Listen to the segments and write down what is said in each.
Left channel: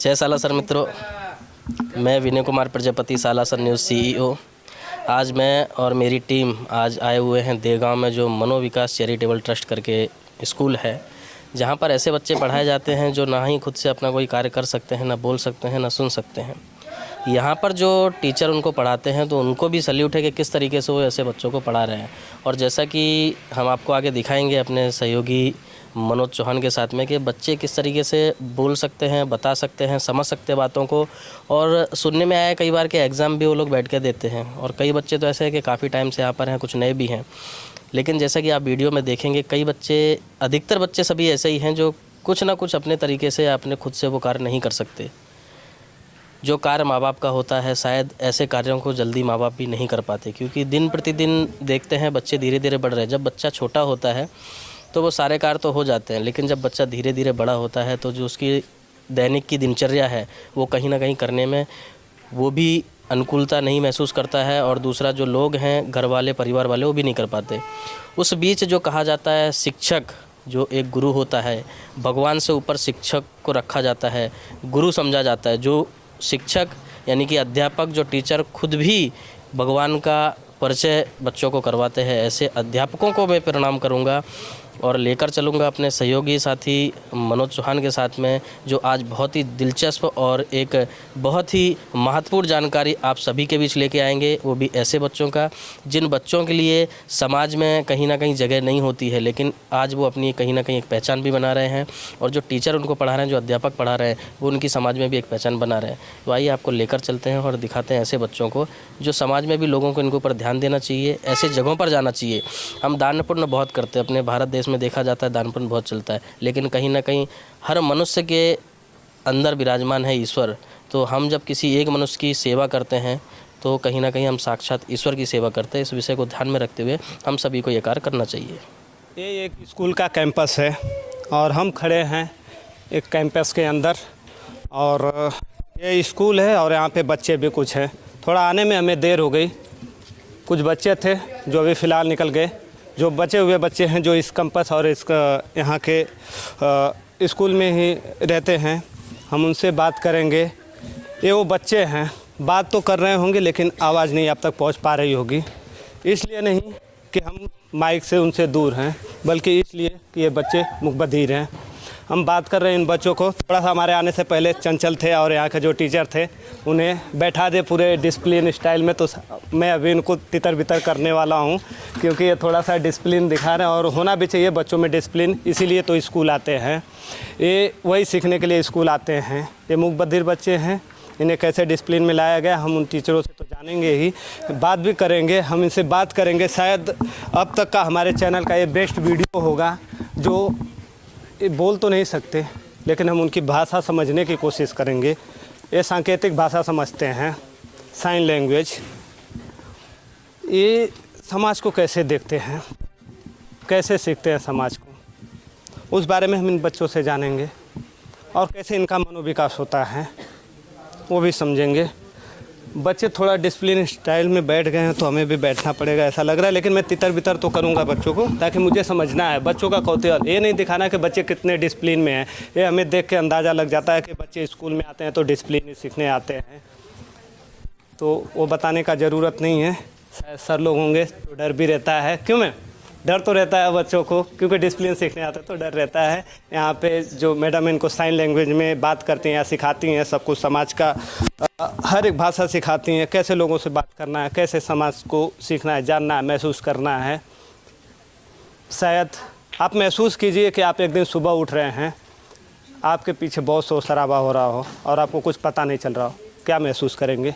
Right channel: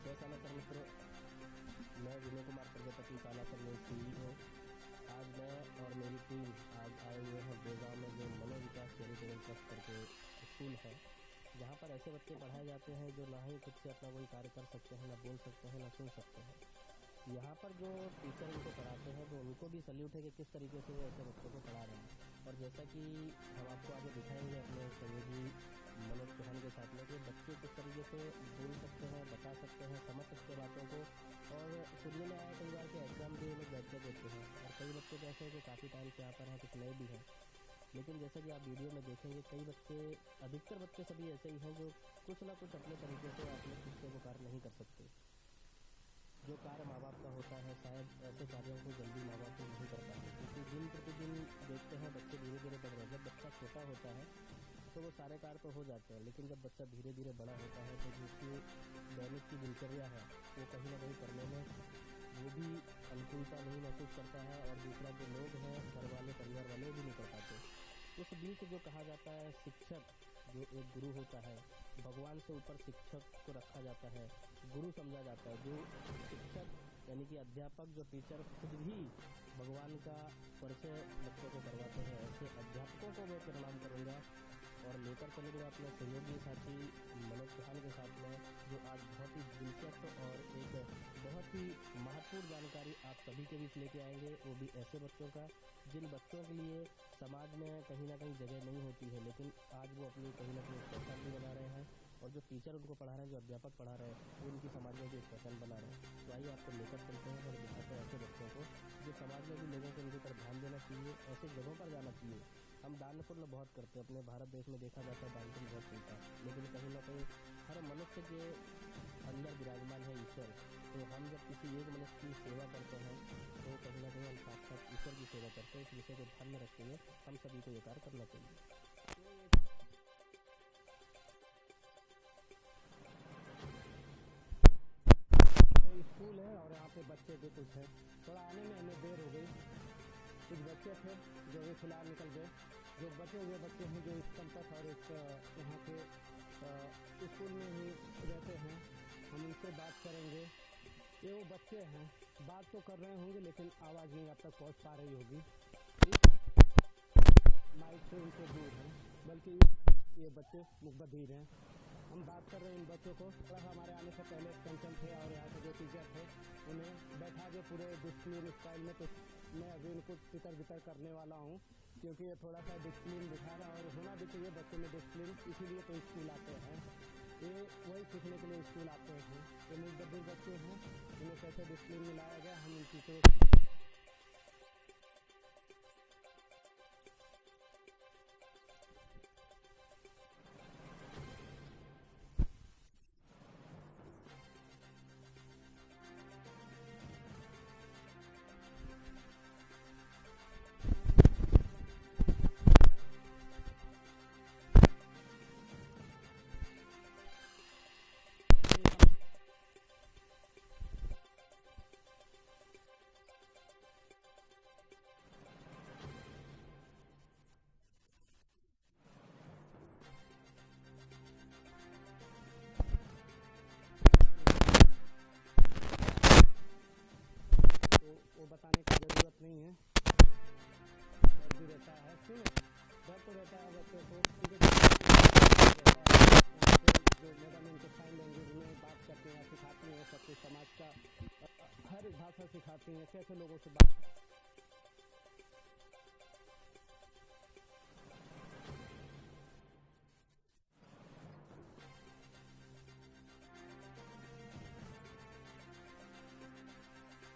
जय सालासर मित्रों, मैं विनय कुमार प्रजापति, सालासर न्यूज़ CEO। आज मैं और मेरी टीम आज आए हुए हैं देगांव में, जो मनोविकास चैरिटेबल ट्रस्ट करके स्कूल है, जहां पर ऐसे बच्चे पढ़ाए जाते हैं जो ना ही खुद से अपना कोई कार्य कर सकते हैं, ना बोल सकते हैं, ना सुन सकते हैं। यहाँ पर जो टीचर उनको पढ़ाते हैं तो उनको भी सैल्यूट है कि किस तरीके से वो ऐसे बच्चों को पढ़ा रहे हैं। और जैसा कि हम आपको आगे दिखाएंगे अपने सहयोगी मनोज चौहान के साथ में, कि बच्चे किस तरीके से बोल सकते हैं, बता सकते हैं, समझ सकते हैं बातों को। और सुनने में आया कई बार कि एग्ज़ाम भी वो लोग बैठ के देते हैं, और कई बच्चे तो ऐसे हैं कि काफ़ी टाइम से यहाँ पर हैं, कुछ नए भी हैं। लेकिन जैसा कि आप वीडियो में देखेंगे, कई बच्चे, अधिकतर बच्चे सभी ऐसे ही हैं जो कुछ ना कुछ अपने तरीके से अपने खुद से वो कार्य नहीं कर सकते। जो कार्य माँ बाप का होता है, शायद ऐसे कार्यों को जल्दी माँ बाप भी नहीं कर पाते, क्योंकि दिन प्रतिदिन देखते हैं बच्चे धीरे धीरे बढ़ रहे हैं। जब बच्चा छोटा होता है तो वो सारे कार्य तो हो जाते हैं, लेकिन जब बच्चा धीरे धीरे बड़ा होता है तो जो उसकी दैनिक की दिनचर्या है वो कहीं ना कहीं करने में वो भी अनुकूलता नहीं महसूस करता है, और दूसरा जो लोग हैं, घर वाले, परिवार वाले, वो भी नहीं कर पाते। उस बीच जो कहा जाता है, शिक्षक जो एक गुरु होता है, भगवान से ऊपर शिक्षक को रखा जाता है, गुरु समझा जाता है। जो शिक्षक यानी कि अध्यापक, जो टीचर खुद भी भगवान का परिचय बच्चों को करवाते हैं, ऐसे अध्यापकों को मैं प्रणाम करूंगा और लेकर चलूंगा अपने सहयोगी साथी मनोज चौहान के साथ में, जो आज बहुत ही दिलचस्प और एक बहुत ही महत्वपूर्ण जानकारी आप सभी के बीच लेके आएंगे। वो भी ऐसे बच्चों का जिन बच्चों के लिए समाज में कहीं ना कहीं जगह नहीं होती है, लेकिन आज वो अपनी कहीं ना कहीं एक पहचान भी बना रहे हैं, और जो टीचर उनको पढ़ा रहे हैं, जो अध्यापक पढ़ा रहे हैं, वो उनकी समाज में भी एक पहचान बना रहे हैं। तो आइए आपको लेकर चलते हैं और दिखाते हैं ऐसे बच्चों को, जो समाज में भी लोगों को इनके ऊपर ध्यान देना चाहिए, ऐसे जगहों पर जाना चाहिए। हम दान पुण्य बहुत करते हैं, अपने भारत देश में देखा जाता है दान पुण्य बहुत चलता है, लेकिन कहीं ना कहीं हर मनुष्य के अंदर विराजमान है ईश्वर। तो हम जब किसी एक मनुष्य की सेवा करते हैं तो कहीं ना कहीं हम साक्षात ईश्वर की सेवा करते हैं। इस विषय को ध्यान में रखते हुए हम सभी को ये कार्य करना चाहिए। ये एक स्कूल का कैंपस है और हम खड़े हैं एक कैंपस के अंदर, और ये स्कूल है और यहाँ पे बच्चे भी कुछ हैं। थोड़ा आने में हमें देर हो गई, कुछ बच्चे थे जो अभी फ़िलहाल निकल गए। जो बचे हुए बच्चे हैं जो इस कैंपस और इसका यहाँ के स्कूल में ही रहते हैं, हम उनसे बात करेंगे। ये वो बच्चे हैं, बात तो कर रहे होंगे लेकिन आवाज़ नहीं आप तक पहुँच पा रही होगी। इसलिए नहीं कि हम माइक से उनसे दूर हैं, बल्कि इसलिए कि ये बच्चे मुखबधिर हैं। हम बात कर रहे हैं इन बच्चों को। थोड़ा सा हमारे आने से पहले चंचल थे और यहाँ के जो टीचर थे उन्हें बैठा दे पूरे डिसिप्लिन स्टाइल में, तो मैं अभी इनको तितर बितर करने वाला हूँ, क्योंकि ये थोड़ा सा डिसिप्लिन दिखा रहे हैं और होना भी चाहिए बच्चों में डिसिप्लिन, इसीलिए तो स्कूल आते हैं। ये वही सीखने के लिए स्कूल आते हैं। ये मुखबधिर बच्चे हैं, इन्हें कैसे डिसिप्लिन में लाया गया हम उन टीचरों से तो जानेंगे ही, बात भी करेंगे। हम इनसे बात करेंगे, शायद अब तक का हमारे चैनल का ये बेस्ट वीडियो होगा। जो ये बोल तो नहीं सकते, लेकिन हम उनकी भाषा समझने की कोशिश करेंगे। ये सांकेतिक भाषा समझते हैं, साइन लैंग्वेज। ये समाज को कैसे देखते हैं, कैसे सीखते हैं समाज को, उस बारे में हम इन बच्चों से जानेंगे, और कैसे इनका मनोविकास होता है वो भी समझेंगे। बच्चे थोड़ा डिसिप्लिन स्टाइल में बैठ गए हैं तो हमें भी बैठना पड़ेगा ऐसा लग रहा है, लेकिन मैं तितर बितर तो करूंगा बच्चों को, ताकि मुझे समझना है बच्चों का कौतूहल। ये नहीं दिखाना कि बच्चे कितने डिसिप्लिन में हैं, ये हमें देख के अंदाज़ा लग जाता है कि बच्चे स्कूल में आते हैं तो डिसिप्लिन सीखने आते हैं, तो वो बताने का ज़रूरत नहीं है। शायद सर लोग होंगे तो डर भी रहता है। क्यों मैं डर तो रहता है बच्चों को, क्योंकि डिसिप्लिन सीखने आते हैं तो डर रहता है। यहाँ पे जो मैडम इनको साइन लैंग्वेज में बात करती हैं या सिखाती हैं, सब कुछ समाज का हर एक भाषा सिखाती हैं, कैसे लोगों से बात करना है, कैसे समाज को सीखना है, जानना है, महसूस करना है। शायद आप महसूस कीजिए कि आप एक दिन सुबह उठ रहे हैं, आपके पीछे बहुत शोर शराबा हो रहा हो और आपको कुछ पता नहीं चल रहा हो, क्या महसूस करेंगे?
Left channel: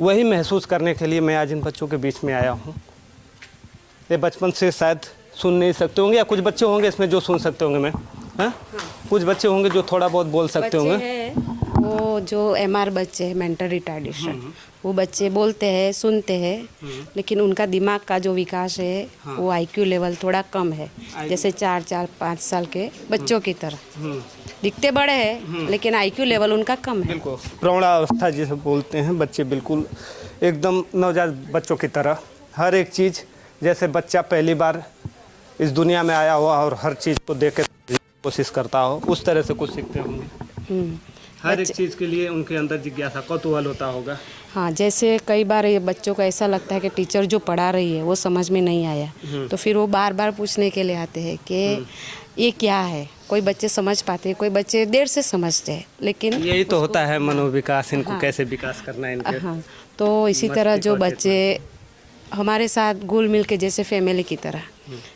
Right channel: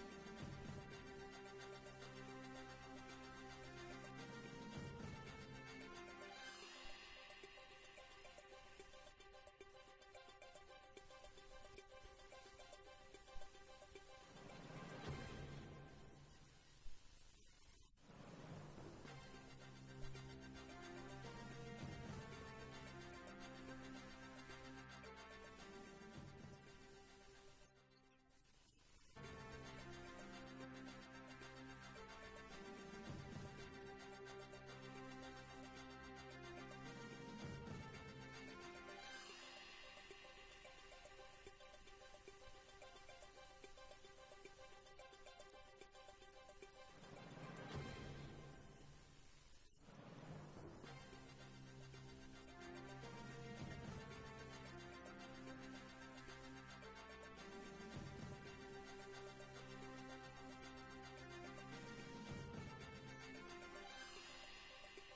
वही महसूस करने के लिए मैं आज इन बच्चों के बीच में आया हूँ। ये बचपन से शायद सुन नहीं सकते होंगे, या कुछ बच्चे होंगे इसमें जो सुन सकते होंगे। मैं हाँ, कुछ बच्चे होंगे जो थोड़ा बहुत बोल सकते होंगे। वो जो MR बच्चे हैं, मेंटल रिटार्डेशन, वो बच्चे बोलते हैं, सुनते हैं, लेकिन उनका दिमाग का जो विकास है वो IQ लेवल थोड़ा कम है, जैसे 4-5 साल के बच्चों की तरह। दिखते बड़े हैं लेकिन IQ लेवल उनका कम है। बिल्कुल प्रौढ़ावस्था जिसे बोलते हैं, बच्चे बिल्कुल एकदम नवजात बच्चों की तरह हर एक चीज़, जैसे बच्चा पहली बार इस दुनिया में आया हुआ और हर चीज़ को देख के कोशिश करता हो, उस तरह से कुछ सीखते होंगे। हर एक चीज़ के लिए उनके अंदर जिज्ञासा कौतूहल होता होगा। हाँ, जैसे कई बार ये बच्चों को ऐसा लगता है कि टीचर जो पढ़ा रही है वो समझ में नहीं आया, तो फिर वो बार बार पूछने के लिए आते हैं कि ये क्या है। कोई बच्चे समझ पाते हैं, कोई बच्चे देर से समझते हैं, लेकिन यही तो होता है मनोविकास, इनको कैसे विकास करना है इनके। हाँ, तो इसी तरह जो बच्चे हमारे साथ घुल मिल के जैसे फैमिली की तरह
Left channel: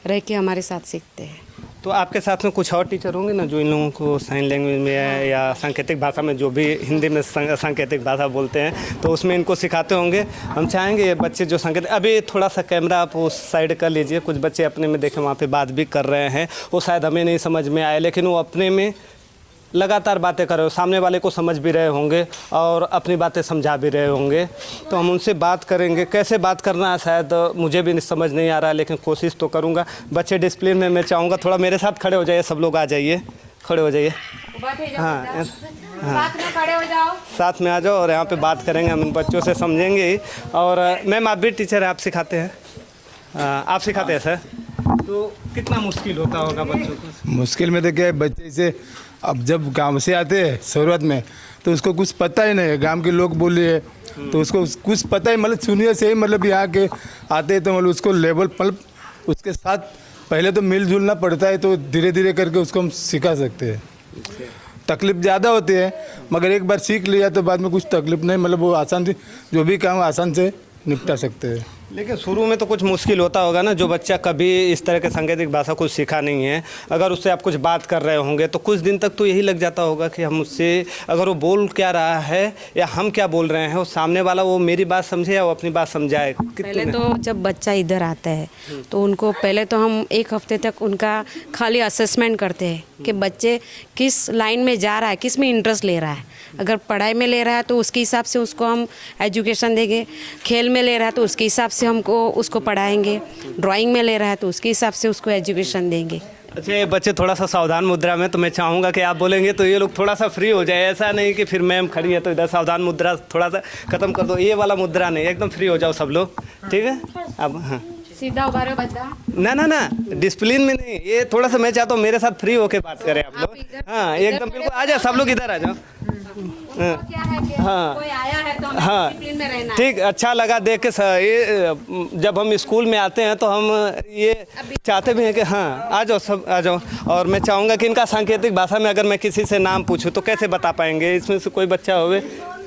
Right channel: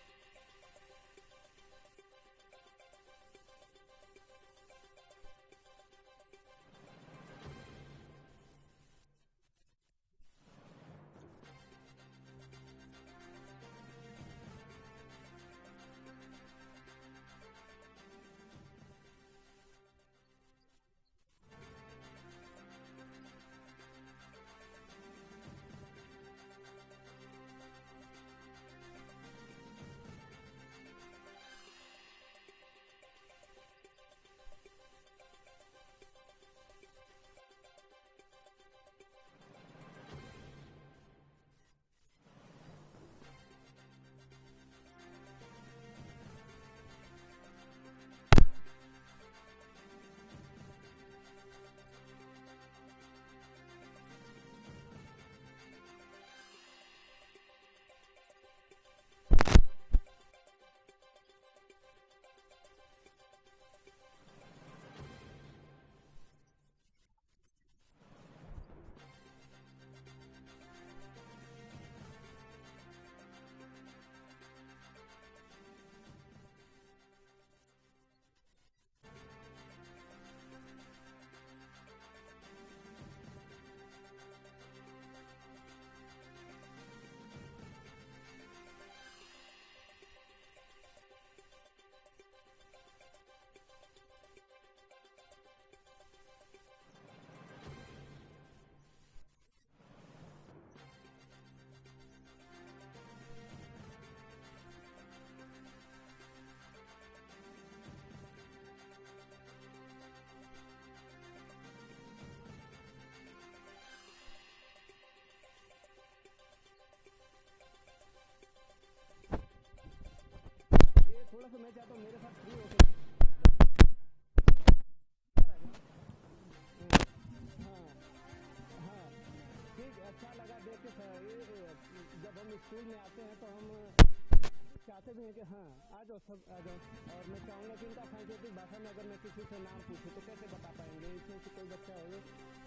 रह के हमारे साथ सीखते हैं। तो आपके साथ में कुछ और टीचर होंगे ना जो इन लोगों को साइन लैंग्वेज में या सांकेतिक भाषा में, जो भी हिंदी में सांकेतिक भाषा बोलते हैं, तो उसमें इनको सिखाते होंगे। हम चाहेंगे ये बच्चे जो सांकेतिक, अभी थोड़ा सा कैमरा आप उस साइड कर लीजिए। कुछ बच्चे अपने में देखें वहाँ पे बात भी कर रहे हैं, वो शायद हमें नहीं समझ में आए, लेकिन वो अपने में लगातार बातें कर रहे हो, सामने वाले को समझ भी रहे होंगे और अपनी बातें समझा भी रहे होंगे। तो हम उनसे बात करेंगे, कैसे बात करना है शायद मुझे भी समझ नहीं आ रहा है, लेकिन कोशिश तो करूँगा। बच्चे डिसिप्लिन में, मैं चाहूँगा थोड़ा मेरे साथ खड़े हो जाइए, सब लोग आ जाइए, खड़े हो जाइए। हाँ, साथ में खड़े हो जाओ, साथ में आ जाओ और यहाँ पे बात करेंगे, हम इन बच्चों से समझेंगे ही। और मैम आप भी टीचर हैं, आप सिखाते हैं? आप सिखाते हैं सर? तो कितना मुश्किल होता होगा बच्चों को? मुश्किल में तो क्या है, बच्चे से अब जब गांव से आते हैं शुरुआत में तो उसको कुछ पता ही नहीं है, गांव के लोग बोले है तो उसको कुछ पता ही, मतलब सुनिए से ही, मतलब यहाँ के आते हैं तो मतलब उसको लेवल, मतलब उसके साथ पहले तो मिलजुलना पड़ता है, तो धीरे धीरे करके उसको हम सिखा सकते हैं। तकलीफ ज़्यादा होती है, मगर एक बार सीख लिया तो बाद में कुछ तकलीफ नहीं, मतलब वो आसान से जो भी काम आसान से निपटा सकते हैं। लेकिन शुरू में तो कुछ मुश्किल होता होगा ना, जो बच्चा कभी इस तरह के सांकेतिक भाषा कुछ सीखा नहीं है, अगर उससे आप कुछ बात कर रहे होंगे तो कुछ दिन तक तो यही लग जाता होगा कि हम उससे, अगर वो बोल क्या रहा है या हम क्या बोल रहे हैं, वो सामने वाला वो मेरी बात समझे या वो अपनी बात समझाए। पहले तो जब बच्चा इधर आता है तो उनको पहले तो हम एक हफ्ते तक उनका खाली असेसमेंट करते हैं कि बच्चे किस लाइन में जा रहा है, किस में इंटरेस्ट ले रहा है। अगर पढ़ाई में ले रहा है तो उसके हिसाब से उसको हम एजुकेशन देंगे, खेल में ले रहा है तो उसके हिसाब से हमको उसको पढ़ाएंगे, ड्राइंग में ले रहा है तो उसके हिसाब से उसको एजुकेशन देंगे। अच्छा, ये बच्चे थोड़ा सा सावधान मुद्रा में, तो मैं चाहूँगा कि आप बोलेंगे तो ये लोग थोड़ा सा फ्री हो जाए। ऐसा नहीं कि फिर मैम खड़ी है तो इधर सावधान मुद्रा थोड़ा सा खत्म कर दो, ये वाला मुद्रा नहीं, एकदम फ्री हो जाओ सब लोग, ठीक है? अब हाँ, सीधा उभा रहो बच्चा। ना डिसिप्लिन में नहीं, ये थोड़ा सा मैं चाहता हूँ मेरे साथ फ्री होके बात करें आप लोग। हाँ, एकदम बिल्कुल, आ जाओ सब लोग, इधर आ जाओ। क्या है कि हाँ। कोई आया है तो हमें हाँ, डिसिप्लिन में रहना है। ठीक, अच्छा लगा देख के ये जब हम स्कूल में आते हैं तो हम ये चाहते भी हैं कि हाँ आ जाओ सब आ जाओ। और मैं चाहूँगा कि इनका सांकेतिक भाषा में अगर मैं किसी से नाम पूछूं तो कैसे बता पाएंगे? इसमें से कोई बच्चा होवे,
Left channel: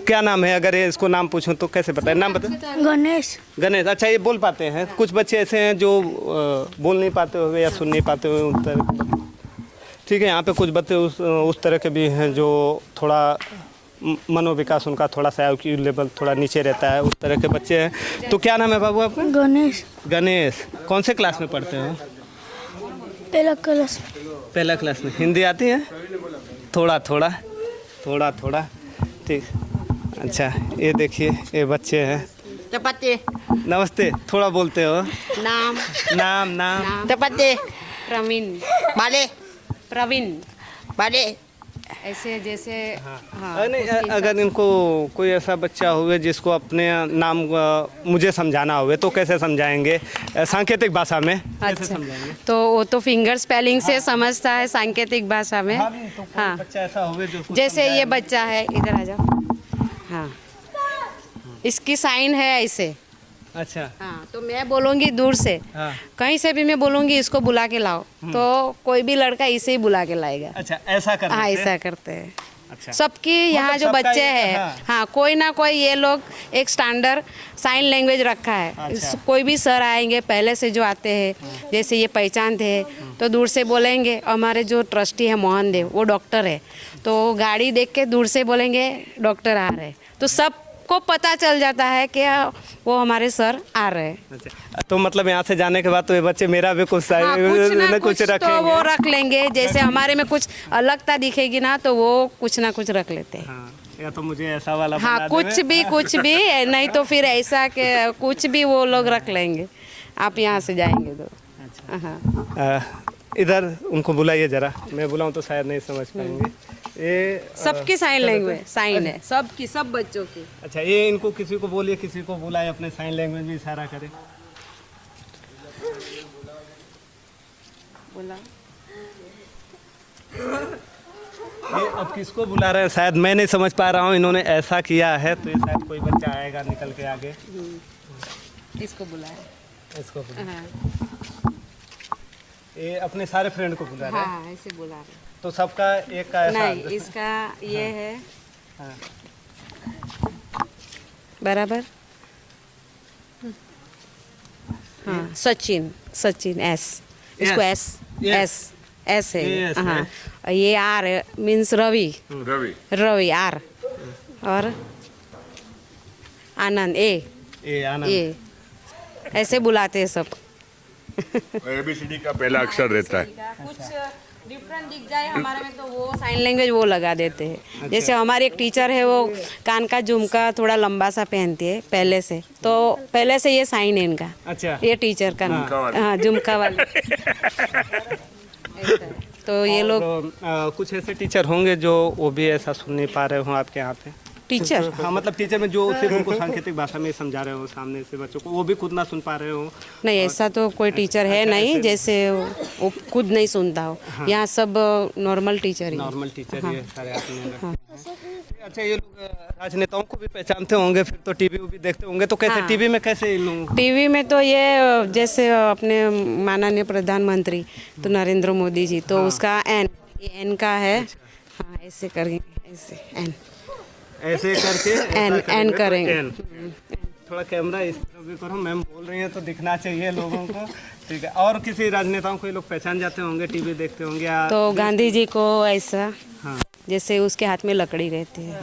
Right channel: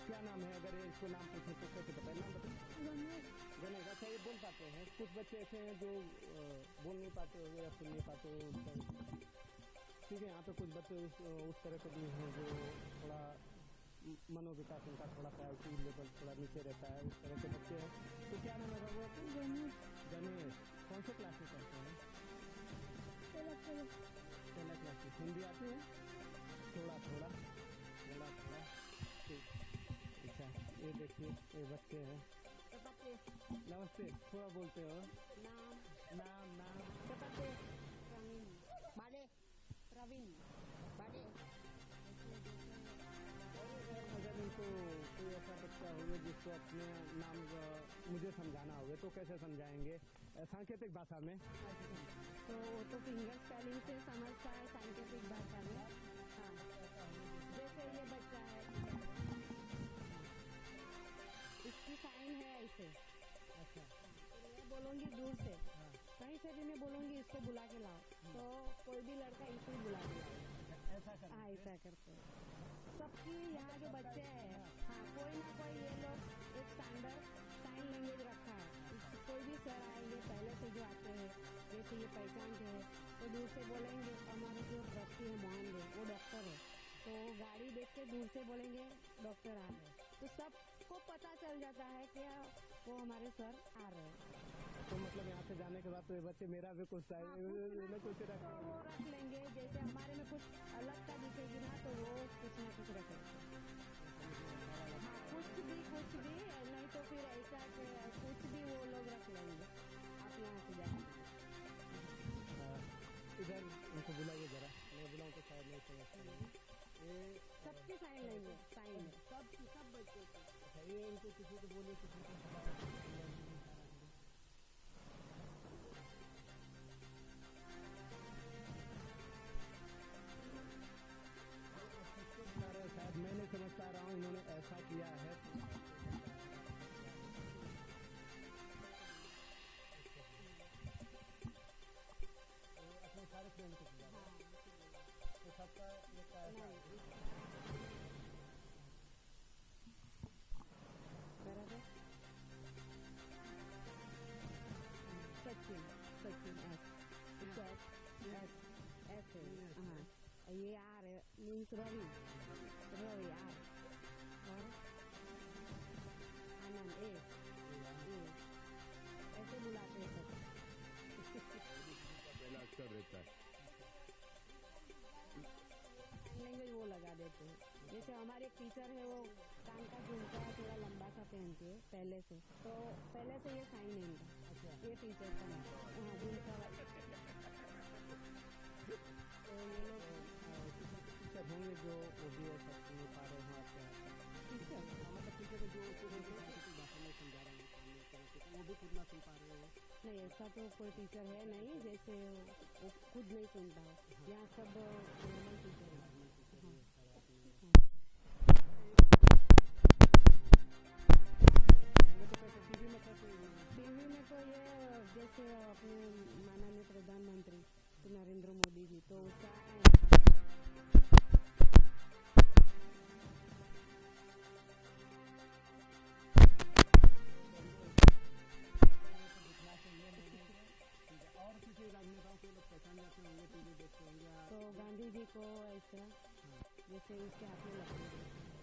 क्या नाम है? अगर ये इसको नाम पूछूं तो कैसे बताए? नाम बता। गणेश। गणेश, अच्छा ये बोल पाते हैं? कुछ बच्चे ऐसे हैं जो बोल नहीं पाते हुए या सुन नहीं पाते हुए उस तरह, ठीक है। यहाँ पे कुछ बच्चे उस तरह के भी हैं जो थोड़ा मनोविकास उनका थोड़ा सा IQ लेवल थोड़ा नीचे रहता है, उस तरह के बच्चे हैं। तो क्या नाम है बाबू आपका? गणेश। गणेश, कौन से क्लास में पढ़ते हो? पहला क्लास। पहला क्लास में। हिंदी आती है? थोड़ा थोड़ा थोड़ा थोड़ा, ठीक। अच्छा, ये देखिए ये बच्चे हैं। चपाती। नमस्ते, थोड़ा बोलते हो? नाम नाम नाम चपाती। प्रवीण। बाले। प्रवीण बाले। ऐसे जैसे नहीं, अगर इनको कोई ऐसा बच्चा हुए जिसको अपने नाम मुझे समझाना हुए तो कैसे समझाएंगे सांकेतिक भाषा में? कैसे समझाएंगे? तो वो तो फिंगर स्पेलिंग से समझता है सांकेतिक भाषा में। हाँ, बच्चा ऐसा हुए जो जैसे ये बच्चा है, इधर आ जाओ। हाँ, इसकी साइन है ऐसे। अच्छा, हाँ, तो मैं बोलूँगी दूर से, हाँ। कहीं से भी मैं बोलूँगी इसको बुला के लाओ, तो कोई भी लड़का इसे ही बुला के लाएगा। अच्छा, ऐसा करते हाँ, हैं? ऐसा करते हैं। अच्छा, सबकी यहाँ जो सबका बच्चे ये- हैं, हाँ। हाँ, कोई ना कोई ये लोग एक स्टैंडर्ड साइन लैंग्वेज रखा है। अच्छा। कोई भी सर आएंगे पहले से जो आते हैं, जैसे ये पहचानते हैं तो दूर से बोलेंगे। हमारे जो ट्रस्टी है मोहन देव, वो डॉक्टर है, तो गाड़ी देख के दूर से बोलेंगे डॉक्टर आ रहे हैं, तो सबको पता चल जाता है कि वो हमारे सर आ रहे हैं। अच्छा। तो मतलब यहाँ से जाने के बाद तो ये बच्चे मेरा भी कुछ हाँ, कुछ ना कुछ तो रखेंगे। वो रख लेंगे। जैसे हमारे में कुछ अलगता दिखेगी ना, तो वो कुछ ना कुछ रख लेते हैं। हाँ, या तो मुझे ऐसा वाला हाँ, बना कुछ भी नहीं तो फिर ऐसा कि कुछ भी वो लोग रख लेंगे। आप यहाँ से जाएंगे तो हाँ। देवे। इधर उनको बुलाइए जरा, मैं बुलाऊं तो शायद नहीं समझ पाएंगे। ये सबकी साइन लैंग्वेज साइन है, सबकी, सब बच्चों की। अच्छा, ये इनको किसी को बोलिए, किसी को बुलाए, अपने साइन लैंग्वेज में इशारा करे। बोला ये अब किसको बुला रहे हैं शायद मैं नहीं समझ पा रहा हूँ, इन्होंने ऐसा किया है तो ये शायद कोई बच्चा आएगा निकल के आगे। इसको बुलाया। इसको हाँ ये अपने सारे फ्रेंड को बुला रहे हैं। हाँ ऐसे बुला रहे हैं। तो सबका एक का ऐसा नहीं इसका ये है बराबर। हाँ सचिन, सचिन एस, इसको एस एस एस है। हाँ और ये R means Ravi, Ravi R, और आनंद ए आनंद। ए, ऐसे बुलाते हैं सब। ABCD का पहला अक्षर रहता है। कुछ डिफरेंट दिख जाए हमारे में तो वो साइन लैंग्वेज वो लगा देते हैं। जैसे हमारी एक टीचर है वो कान का झुमका थोड़ा लंबा सा पहनती है पहले से, तो पहले से ये साइन है इनका। अच्छा ये टीचर का हाँ झुमका वाली। ऐसा है। तो ये लोग कुछ ऐसे टीचर होंगे जो वो भी ऐसा सुन नहीं पा रहे हो आपके यहाँ पे। टीचर हाँ मतलब टीचर में जो सिर्फ उनको सांकेतिक भाषा में समझा रहे हो सामने से बच्चों को, वो भी खुद ना सुन पा रहे हो। नहीं ऐसा तो कोई टीचर है नहीं, जैसे वो खुद नहीं सुनता हो। यहाँ सब नॉर्मल टीचर ही। नॉर्मल टीचर ही है सारे आपने। अच्छा ये लोग राजनेताओं को भी पहचानते होंगे फिर तो, टीवी भी देखते होंगे तो कैसे टीवी में कैसे इन लोगों? टीवी में तो ये जैसे अपने माननीय प्रधानमंत्री तो नरेंद्र मोदी जी, तो उसका एन का है। हाँ ऐसे करेंगे, ऐसे एन ऐसे करके एन करेंगे। थोड़ा कैमरा इस तरफ भी करो, मैम बोल रही है तो दिखना चाहिए लोगों को। ठीक है, और किसी राजनेताओं को ये लोग पहचान जाते होंगे, टीवी देखते होंगे या? तो गांधी जी को ऐसा हाँ जैसे उसके हाथ में लकड़ी रहती है,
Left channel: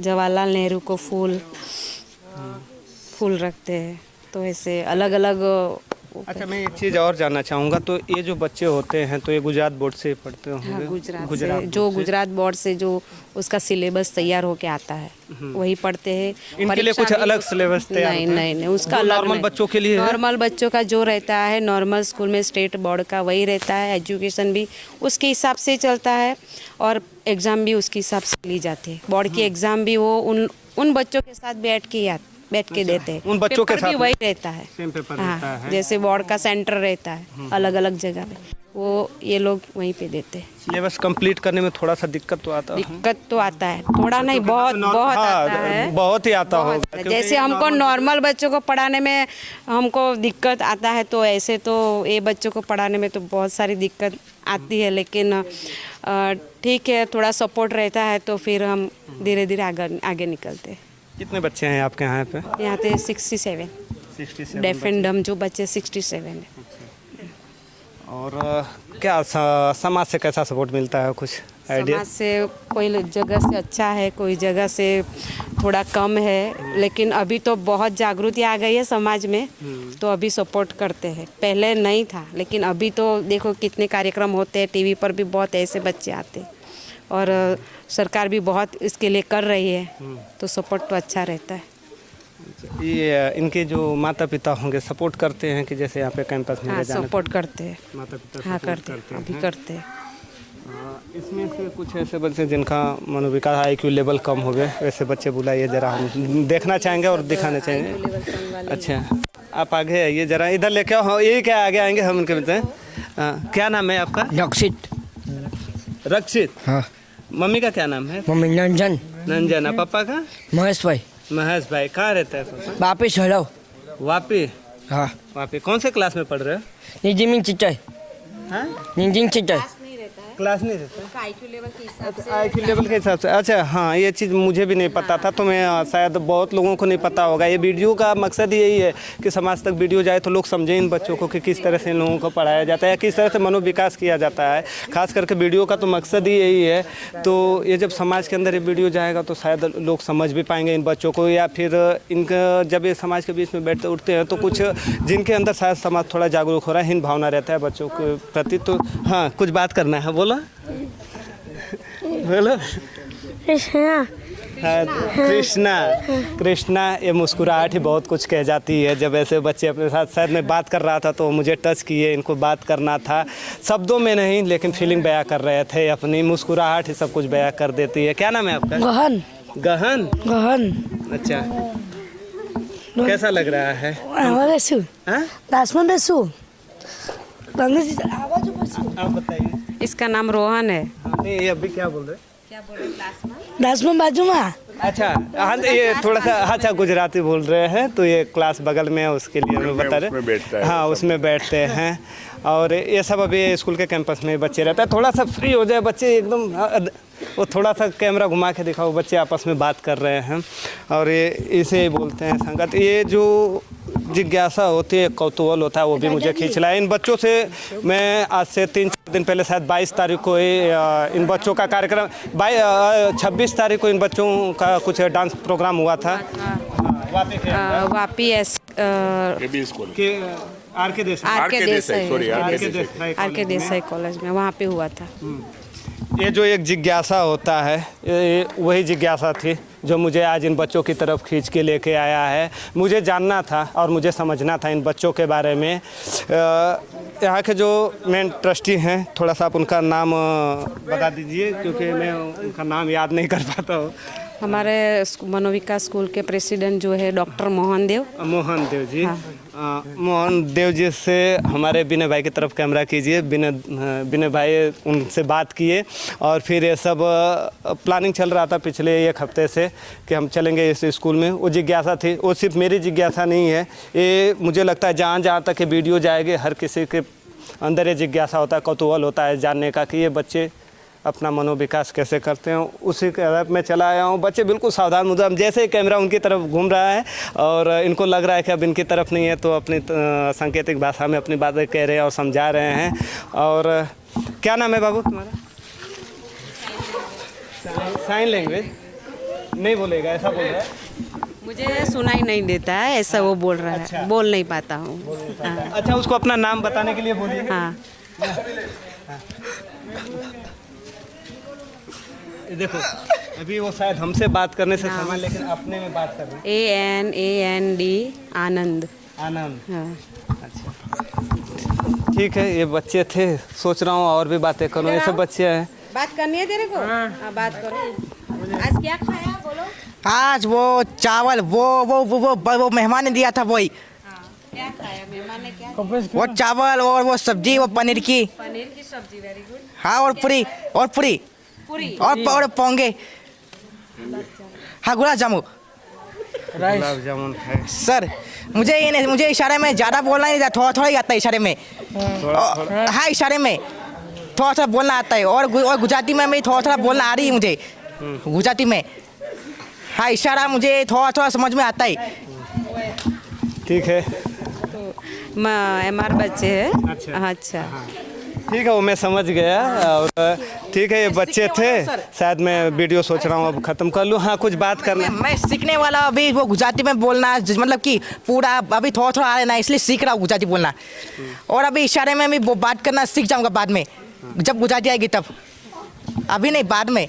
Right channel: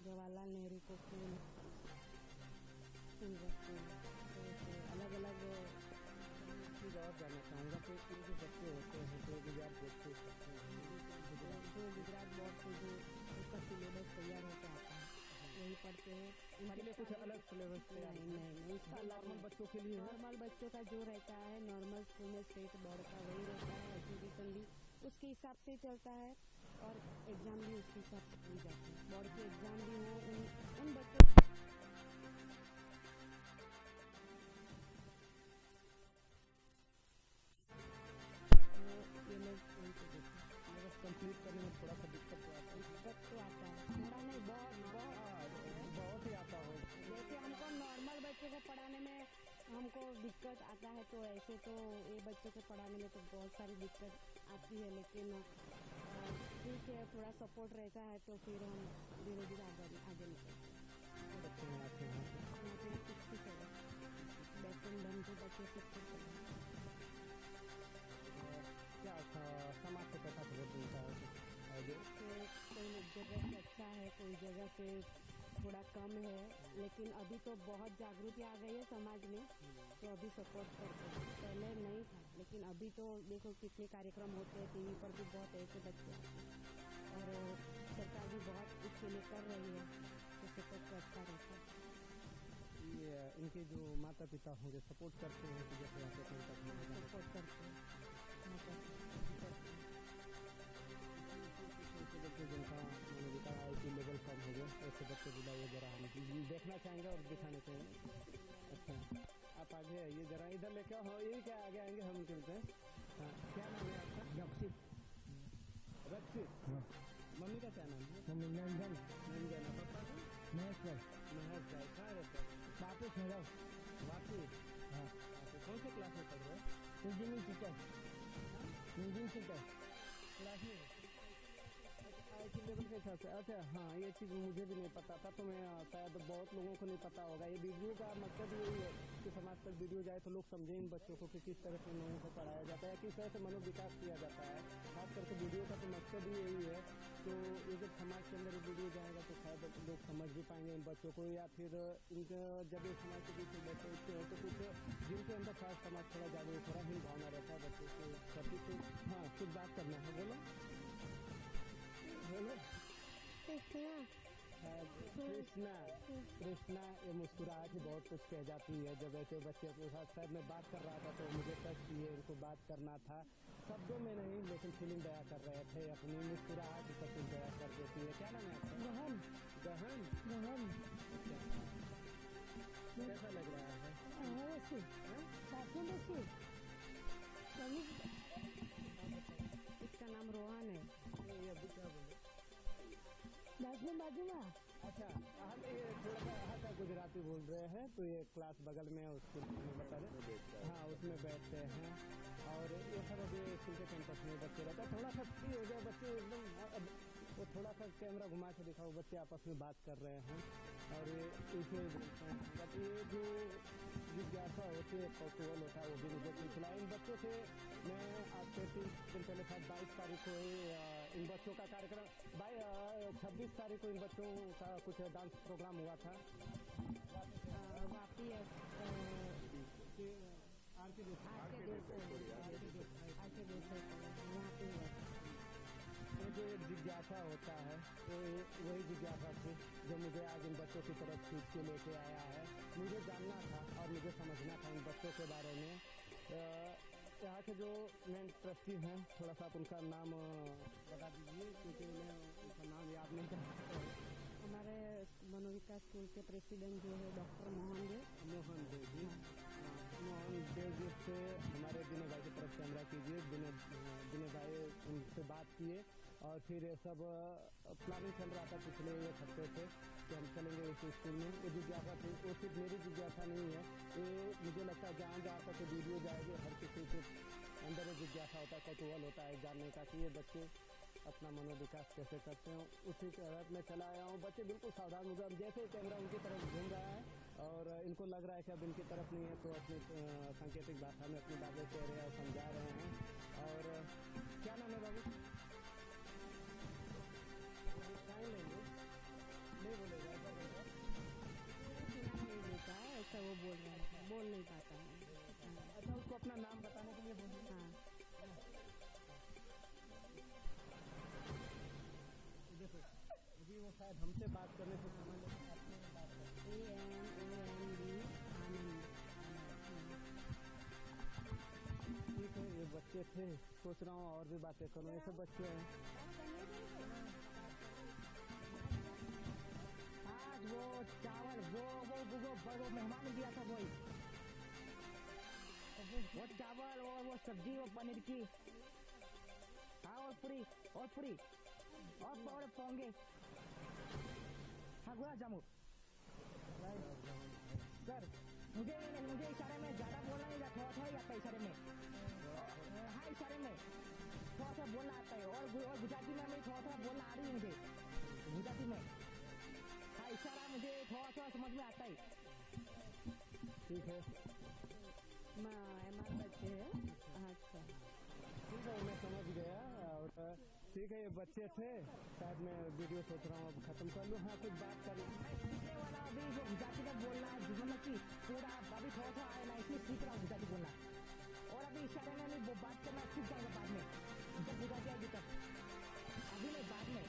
जवाहरलाल नेहरू को फूल रखते हैं, तो ऐसे अलग अलग। अच्छा मैं एक चीज़ और जानना चाहूँगा, तो ये जो बच्चे होते हैं तो ये गुजरात बोर्ड से पढ़ते होंगे? हाँ गुजरात बोर्ड से जो उसका सिलेबस तैयार होके आता है वही पढ़ते हैं। इनके लिए कुछ अलग सिलेबस तैयार नहीं नहीं नहीं उसका अलग नॉर्मल बच्चों के लिए? नॉर्मल बच्चों का जो रहता है नॉर्मल स्कूल में स्टेट बोर्ड का वही रहता है। एजुकेशन भी उसके हिसाब से चलता है और एग्ज़ाम भी उसके हिसाब से ली जाती है। बोर्ड की एग्ज़ाम भी वो उन बच्चों के साथ बैठ के देते हैं। उन बच्चों के साथ भी वही रहता है। सेम पेपर रहता है। जैसे बोर्ड का सेंटर रहता है अलग अलग जगह पे, वो ये लोग वहीं पे देते हैं। सिलेबस कंप्लीट करने में थोड़ा सा दिक्कत तो आता है? दिक्कत तो आता है, थोड़ा नहीं बहुत आता है। बहुत ही आता होगा। जैसे हमको नॉर्मल बच्चों को पढ़ाने में हमको दिक्कत आता है, तो ऐसे तो ये बच्चों को पढ़ाने में तो बहुत सारी दिक्कत आती है, लेकिन ठीक है थोड़ा सपोर्ट रहता है तो फिर हम धीरे धीरे आगे निकलते हैं। कितने बच्चे हैं आपके यहाँ पे? यहाँ पे 67 डेफ एंड डम जो बच्चे 67 है। और क्या समाज से कैसा सपोर्ट मिलता है, कुछ आइडिया? समाज से कोई जगह से अच्छा है, कोई जगह से थोड़ा कम है, लेकिन अभी तो बहुत जागृति आ गई है समाज में, तो अभी सपोर्ट करते हैं। पहले नहीं था, लेकिन अभी तो देखो कितने कार्यक्रम होते हैं, टीवी पर भी बहुत ऐसे बच्चे आते हैं और सरकार भी बहुत इसके लिए कर रही है, तो सपोर्ट तो अच्छा रहता है। ये इनके जो माता पिता होंगे सपोर्ट करते हैं कि जैसे यहाँ पे कैंपस में हाँ जाना? सपोर्ट करते हैं, माता पिता हाँ सपोर्ट करते हैं, अभी करते हैं। इसमें से कुछ ऐसे बच्चे जिनका मनोविकास IQ लेवल कम हो गए, वैसे बच्चे बुलाइए जरा, हम देखना चाहेंगे और दिखाना चाहेंगे। अच्छा आप आगे आइए जरा, इधर लेके आओ। ये क्या आगे आएंगे हम उनके बच्चे। क्या नाम है आपका? रक्षित। रक्षित। हाँ। मम्मी का क्या नाम है? मम्मी नंजन। नंजना। पापा का? महेश भाई। महेश भाई। कहाँ रहता है पापा? वापिस हड़ो। वापी? हाँ। वापी। कौन से क्लास में पढ़ रहे हो? निजिमिंग चिचाई। हाँ? निजिंग चिचाई। क्लास नहीं रहता? IQ लेवल के हिसाब से। IQ लेवल के हिसाब से। अच्छा हाँ, ये चीज़ मुझे भी नहीं पता था, तो मैं शायद बहुत लोगों को नहीं पता होगा। ये वीडियो का मकसद यही है कि समाज तक वीडियो जाए तो लोग समझें इन बच्चों को कि किस तरह से इन लोगों को पढ़ाया जाता है, किस तरह से मनोविकास किया जाता है। खास करके वीडियो का तो मकसद ही यही है। तो ये जब समाज के अंदर ये वीडियो जाएगा तो शायद लोग समझ भी पाएंगे इन बच्चों को, या फिर इनका जब ये समाज के बीच में बैठते उठते हैं तो कुछ जिनके अंदर शायद समाज थोड़ा जागरूक हो रहा है, हीन भावना रहता है बच्चों के प्रति। तो हाँ कुछ बात करना है, बोलो बोलो। कृष्णा। कृष्णा ये मुस्कुराहट ही बहुत कुछ कह जाती है। जब ऐसे बच्चे अपने साथ, शायद मैं बात कर रहा था तो मुझे टच किए, इनको बात करना था शब्दों में नहीं लेकिन फीलिंग बयां कर रहे थे, अपनी मुस्कुराहट ही सब कुछ बयां कर देती है। क्या नाम है आपका? गहन। गहन। गहन। अच्छा कैसा लग रहा है? आप बताइए। इसका नाम रोहन है। नहीं ये अभी क्या बोल रहे? क्लास में बाजू में अच्छा हाँ तो ये थोड़ा सा अच्छा गुजराती बोल रहे हैं तो ये क्लास बगल में है उसके लिए हमें बता उसमें बैठता रहे है हाँ उसमें बैठते हैं और ये सब अभी स्कूल के कैंपस में बच्चे रहते हैं थोड़ा सा फ्री हो जाए बच्चे एकदम वो थोड़ा सा कैमरा घुमा के दिखाओ बच्चे आपस में बात कर रहे हैं और ये इसे बोलते हैं संगत ये जो जिज्ञासा होती है कौतूहल होता है वो भी मुझे खींच रहा है इन बच्चों से मैं आज से 3-4 दिन पहले शायद 22 तारीख को इन बच्चों का कार्यक्रम 26 तारीख को इन बच्चों का कुछ डांस प्रोग्राम हुआ था वापी केबी स्कूल कि आर के देसाई सॉरी आर के देसाई कॉलेज में वहाँ पे हुआ था। ये जो एक जिज्ञासा होता है ये वही जिज्ञासा थी जो मुझे आज इन बच्चों की तरफ खींच के लेके आया है। मुझे जानना था और मुझे समझना था इन बच्चों के बारे में। यहाँ के जो मेन ट्रस्टी हैं थोड़ा सा आप उनका नाम बता दीजिए क्योंकि मैं उनका नाम याद नहीं कर पाता हूँ। हमारे मनोविकास स्कूल के प्रेसिडेंट जो है डॉक्टर मोहन देव जी मोहन देव जी से हमारे विनय भाई की तरफ कैमरा कीजिए। विनय भाई उनसे बात किए और फिर ये सब प्लानिंग चल रहा था पिछले 1 हफ्ते से कि हम चलेंगे इस स्कूल में। वो जिज्ञासा थी वो सिर्फ मेरी जिज्ञासा नहीं है ये मुझे लगता है जहाँ जहाँ तक ये वीडियो जाएगी हर किसी के अंदर ये जिज्ञासा होता है कौतूहल होता है जानने का कि ये बच्चे अपना मनोविकास कैसे करते हैं। उसी के मैं चला आया हूँ। बच्चे बिल्कुल सावधान मुद्राम जैसे ही कैमरा उनकी तरफ घूम रहा है और इनको लग रहा है कि अब इनकी तरफ नहीं है तो अपनी सांकेतिक भाषा में अपनी बातें कह रहे हैं और समझा रहे हैं। और क्या नाम है बाबू तुम्हारा? साइन लैंग्वेज नहीं बोलेगा ऐसा बोल रहा है। मुझे सुनाई नहीं देता है ऐसा वो बोल रहा है। अच्छा। बोल नहीं पाता हूँ। हाँ। अच्छा उसको अपना नाम बताने के लिए बोलिए। हाँ देखो अभी वो शायद हमसे बात करने से समय लेकिन अपने में बात कर रहे हैं। ANAND आनंद। आनंद हाँ। अच्छा ठीक है ये बच्चे थे सोच रहा हूँ और भी बातें करूँ ये सब बच्चे हैं। बात करनी है तेरे को? हाँ बात करो। आज क्या खाया बोलो? आज वो चावल वो मेहमान ने दिया था वही क्या खाया मेहमान ने? क्या वो चावल और वो सब्जी वो पनीर की सब्जी। Very good. हाँ और पूरी पूरी और पोंगे हाँ गुलाब जामुन है सर मुझे इशारे में ज़्यादा बोलना नहीं आता थोड़ा ही आता है इशारे में। हाँ इशारे में थोड़ा बोलना आता है और गुजराती में भी थोड़ा बोलना आ रही है मुझे गुजराती में। हाँ इशारा मुझे थोड़ा समझ में आता है। ठीक है MR बच्चे हैं। अच्छा ठीक है वो मैं समझ गया। और ठीक है ये बच्चे थे शायद मैं वीडियो सोच रहा हूँ अब ख़त्म कर लूँ। हाँ कुछ बात करना मैं सीखने वाला अभी वो गुजराती में बोलना मतलब कि पूरा अभी थोड़ा आ रहा है इसलिए सीख रहा हूँ गुजराती बोलना और अभी इशारे में भी वो बात करना सीख जाऊँगा बाद में जब गुजराती आएगी तब। अभी नहीं बाद में।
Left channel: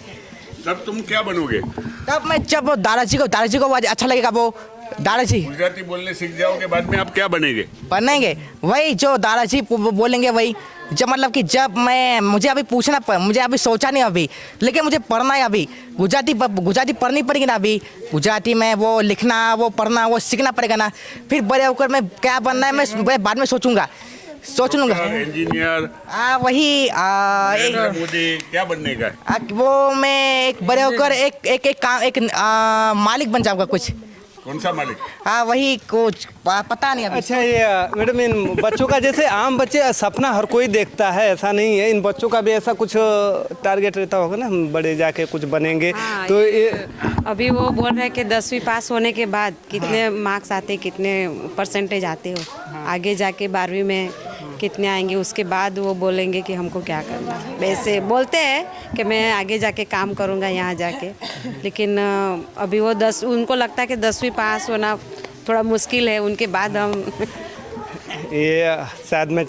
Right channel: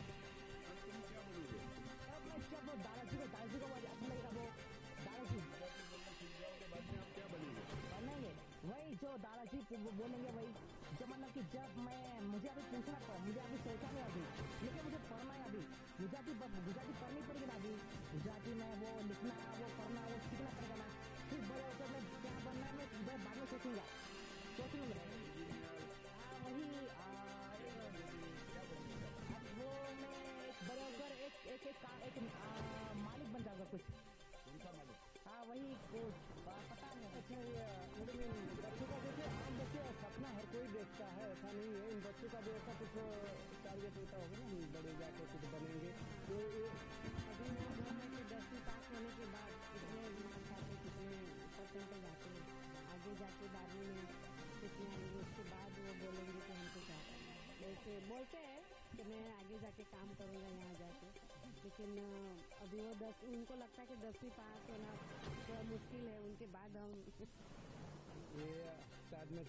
तब तुम क्या बनोगे? तब मैं जब वो दादाजी को अच्छा लगेगा वो दादाजी गुजराती बोलने सीख जाओगे बाद में आप क्या बनेंगे? बनेंगे वही जो दादाजी बोलेंगे वही। जब मतलब कि जब मुझे अभी मुझे अभी सोचा नहीं अभी लेकिन मुझे पढ़ना है अभी गुजराती पढ़नी पड़ेगी ना अभी गुजराती में वो लिखना वो पढ़ना वो सीखना पड़ेगा ना। फिर बड़े होकर मैं क्या बनना है मैं बाद में सोच लूँगा। इंजीनियर वही मोदी क्या बनने का? वो मैं एक बड़े होकर एक मालिक बन जाऊँगा कुछ। कौन सा मालिक? हाँ वही कुछ पता नहीं अभी। अच्छा ये मैडम इन बच्चों का जैसे आम बच्चे सपना हर कोई देखता है ऐसा नहीं है इन बच्चों का भी ऐसा कुछ टारगेट रहता होगा ना हम बड़े जाके कुछ बनेंगे। हाँ, तो ये अभी वो बोल रहे हैं कि 10वीं पास होने के बाद कितने मार्क्स आते कितने परसेंटेज आते हो आगे जाके 12वीं में कितने आएंगे उसके बाद वो बोलेंगे कि हमको क्या करना है। वैसे बोलते हैं कि मैं आगे जाके काम करूँगा यहाँ जाके लेकिन अभी वो उनको लगता है कि 10वीं पास होना थोड़ा मुश्किल है उनके बाद हम ये शायद मैं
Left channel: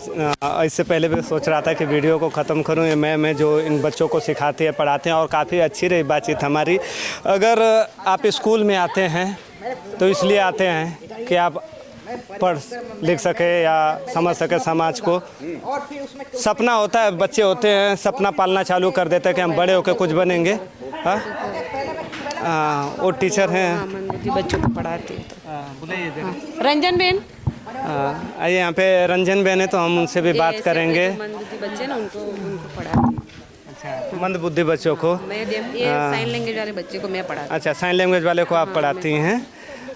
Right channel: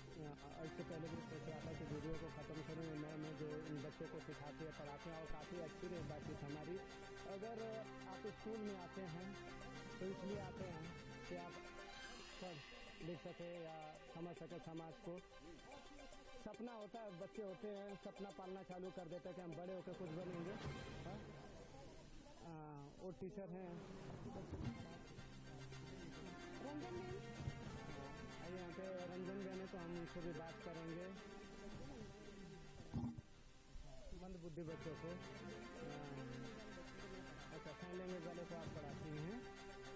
इससे पहले भी सोच रहा था कि वीडियो को ख़त्म करूं। ये मैं जो इन बच्चों को सिखाते हैं पढ़ाते हैं और काफ़ी अच्छी रही बातचीत हमारी। अगर आप स्कूल में आते हैं तो इसलिए आते हैं कि आप पढ़ लिख सके या समझ सके समाज को। सपना होता है बच्चे होते हैं सपना पालना चालू कर देते हैं कि हम बड़े होकर कुछ बनेंगे। हाँ वो टीचर हैं बच्चों को पढ़ाते हैं रंजन बेन आइए यहाँ पे रंजन बेन है तो हम उनसे भी बात करेंगे। बच्चे ना उनको पढ़ाते हैं। अच्छा, मंद बुद्धि बच्चों को। मैं ये साइन लैंग्वेज वाले बच्चे को मैं पढ़ाती अच्छा, साइन लैंग्वेज वाले को आप पढ़ाती हैं।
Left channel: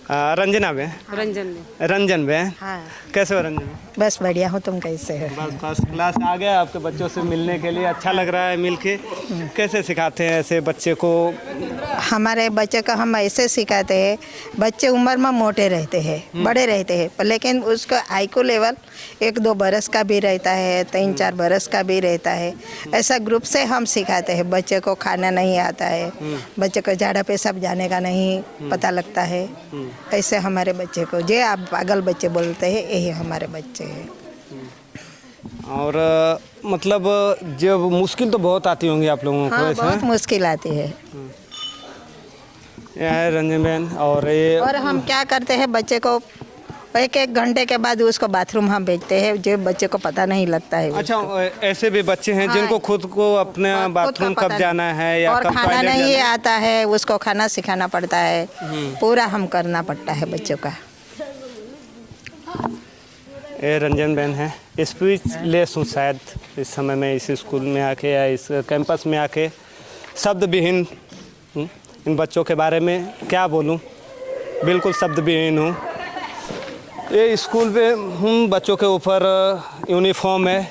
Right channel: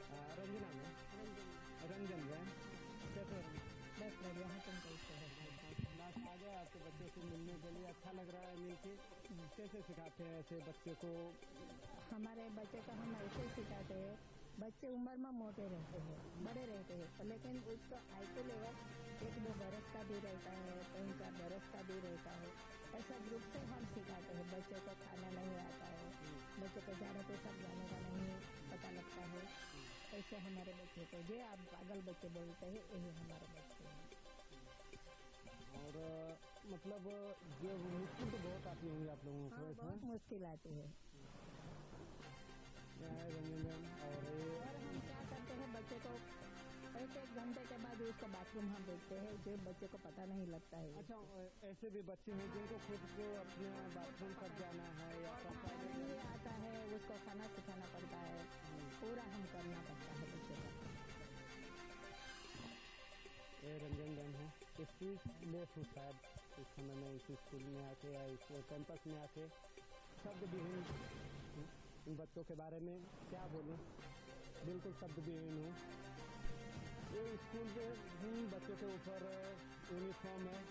रंजना में, हूँ रंजन में। रंजन में हाँ कैसे हो रंजन? बस बढ़िया हूँ, तुम कैसे हो? बस फर्स्ट क्लास आ गया आपके बच्चों से मिलने के लिए, अच्छा लग रहा है मिल के। कैसे सिखाते हैं ऐसे बच्चे को? हमारे बच्चे को हम ऐसे सिखाते हैं, बच्चे उम्र में मोटे रहते हैं, बड़े रहते हैं, पर लेकिन उसका आईक्यू लेवल 1-2 बरस का भी रहता है, 3-4 बरस का भी रहता है। ऐसा ग्रुप से हम सिखाते हैं। बच्चे को खाना नहीं आता है, बच्चे को झाड़ा पेशाब जाने का नहीं पता लगता है, ऐसे हमारे बच्चे को, जे आप पागल बच्चे बोलते हैं, यही हमारे बच्चे हैं। और मतलब जब मुश्किल तो बहुत आती होंगी आप लोगों को हाँ, ऐसे? बहुत मुश्किल आती है। यह है रंजन बहन। और ये और हम क्या करते हैं, बच्चे को 1-1 घंटे के बाद उसको बाथरूम हम भेजते हैं, जो बच्चे को पता नहीं लगता है। अच्छा, ऐसे भी बच्चे हैं जिनको खुद को अपने खुद बाथरूम का कब पता जाना है या और कब खाना टॉयलेट नहीं जाना है। आता है, उसको खाना सिखाना पड़ता है, पूरा हम करना पड़ता है बच्चों का। ये रंजन बहन है, स्पीच लेस हूँ शायद इस समय में इस स्कूल में आके या इस कैंपस में आके, शब्द विहीन इन बच्चों के बारे में क्या बोलूँ, बिल्कुल शब्द विहीन हूँ। ये स्कूल पे हूँ, बच्चों के ऊपर यूनिफॉर्म है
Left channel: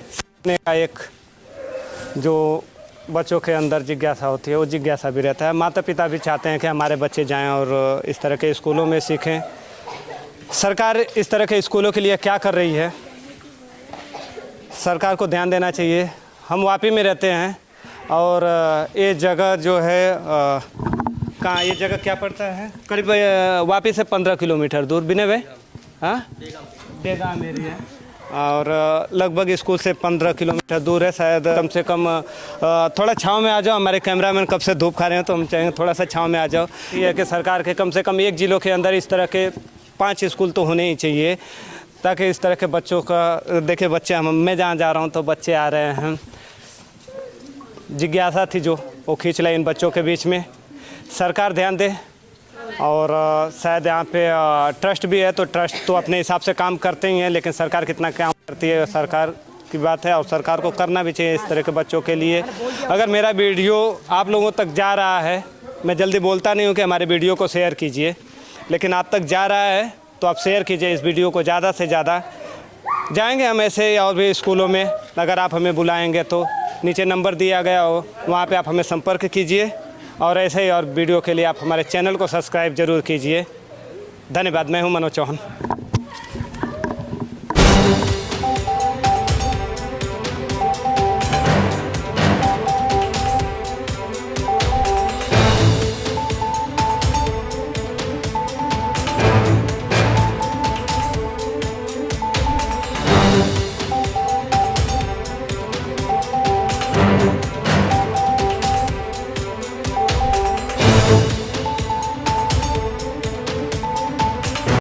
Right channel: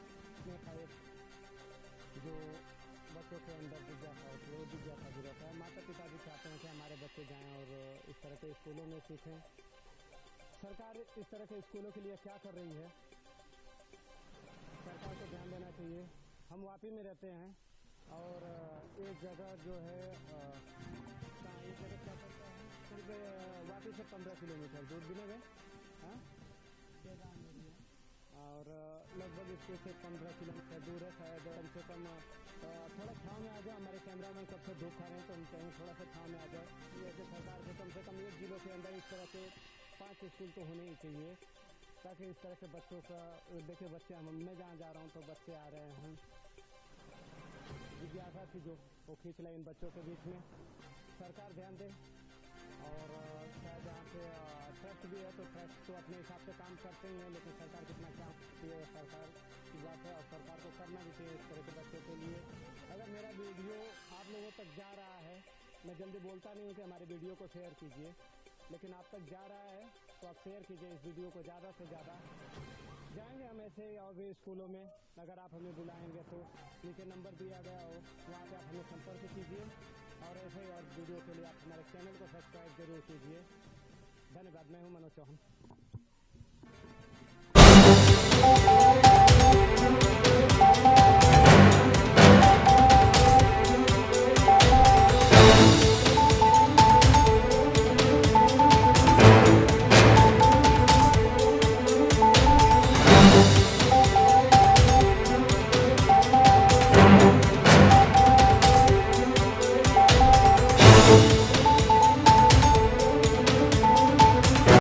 का एक जो बच्चों के अंदर जिज्ञासा होती है, वो जिज्ञासा भी रहता है। माता पिता भी चाहते हैं कि हमारे बच्चे जाएं और इस तरह के स्कूलों में सीखें। सरकार इस तरह के स्कूलों के लिए क्या कर रही है, सरकार को ध्यान देना चाहिए। हम वापी में रहते हैं और ये जगह जो है कहाँ, ये जगह क्या पड़ता है? करीब वापी से 15 किलोमीटर दूर। बिने भाई, हाँ, बेगाम एरिया, और लगभग स्कूल से 15 किलोमीटर दूर है। शायद कम से कम थोड़ा छाँव में आ जाओ। हमारे कैमरामैन कब से धूप खा रहे हैं, तो हम चाहेंगे थोड़ा सा छाँव में आ जाओ। ये है कि सरकार के कम से कम एक जिलों के अंदर इस तरह के 5 स्कूल तो होने ही चाहिए, ताकि इस तरह के बच्चों का देखिए, बच्चे मैं जहाँ जा रहा हूँ तो बच्चे आ रहे हैं। जिज्ञासा थी जो वो खींच लाई इन बच्चों के बीच में। सरकार ध्यान दे। और शायद यहाँ पे ट्रस्ट भी है, तो ट्रस्ट तो अपने हिसाब से काम करते ही हैं, लेकिन सरकार कितना काम करती है सरकार की बात है, और सरकार को करना भी चाहिए इस तरह के बच्चों के लिए। अगर मेरा वीडियो आप लोगों तक जा रहा है, मैं जल्दी बोलता नहीं हूँ कि हमारे वीडियो को शेयर कीजिए, लेकिन आप तक जा रहा है तो आप शेयर कीजिए इस वीडियो को ज़्यादा से ज़्यादा। जाएंगे हम ऐसे और भी स्कूलों में, अगर आप हमें बुलाएंगे तो नीचे नंबर दिया गया हो, वहाँ पे आप हमें संपर्क कीजिए। और ऐसे ही और वीडियो के लिए आप हमारे चैनल को सब्सक्राइब ज़रूर कीजिए। धन्यवाद। मैं हूँ मनोज चौहान।